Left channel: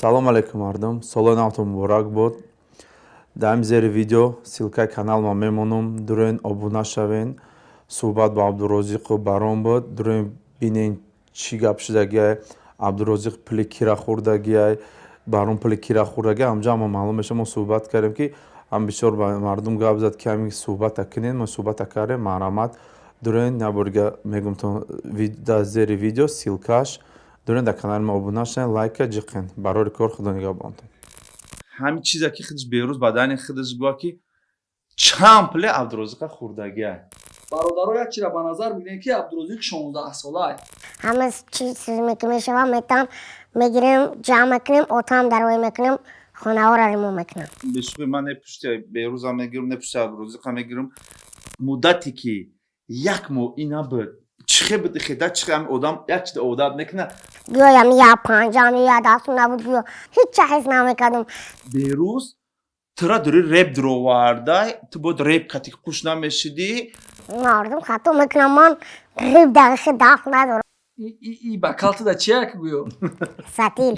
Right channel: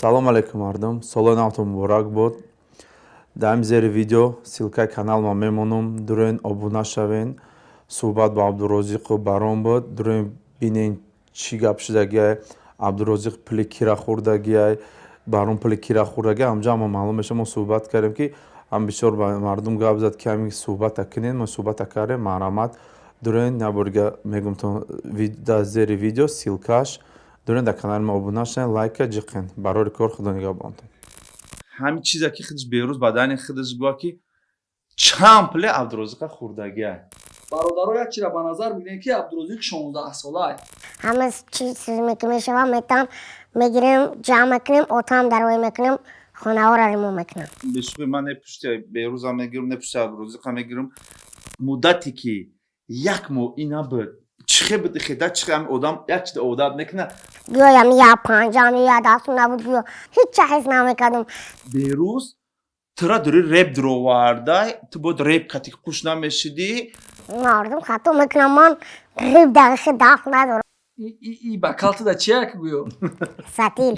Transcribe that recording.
Салом алейкум мардум. Соли навтон муборак бод. Дар ин зери видео силкаи каналма мемонам. Дураен обуна шавен. Суҳбат ба Абдурозиқу баром буд. Дураен бинен чӣ гап шудагиай. Абдурозиқ пули кира хӯрдагиай. Баром пули кира хӯрдагиай. Ҳамҷо ҳама маълум меша. Мо суҳбат кардем ки ҳам бисёр ба мардум гап зад ки ҳамин суҳбата кинен. Мо суҳбата кардем. Марҳамат. Дураен наборига мегумтон дар зери видео силкаш. Дураен дар канали ма обуна шавен, лайка ҷиқен. Барори кор худо нигоҳбонтон. Ҳамин чизе ки худаш берӯз бадани худаш гӯя ки чанд пуле Абдурозиқа хӯрдагиай. бародаро як чира ба назар бигирем ки Абдурозиқ 16 солаи. Ҳама чизе ки мешава метам мегирем ҷамъ мекунем, отам дарои мекунем, хонаҳоро ремонт мекунем. Бешуқи ман непушти берӯзам мегирам, непушти Абдурозиқа мегирам. Муддате ки як моҳ ина буд. Чихе буд хеда чихе ҳам одам як чиз одат мекуна. Гӯям я панҷам я дастум набуд гӯё ҳеҷ ҳис намекардам. Берӯз тура дори реп дуровардай, ту бод реп кати қуш намешидӣ. Мардум хато мекунам, ман риб дақиқи дах надорам. И ба калтида чия ки гӯё? Сатил.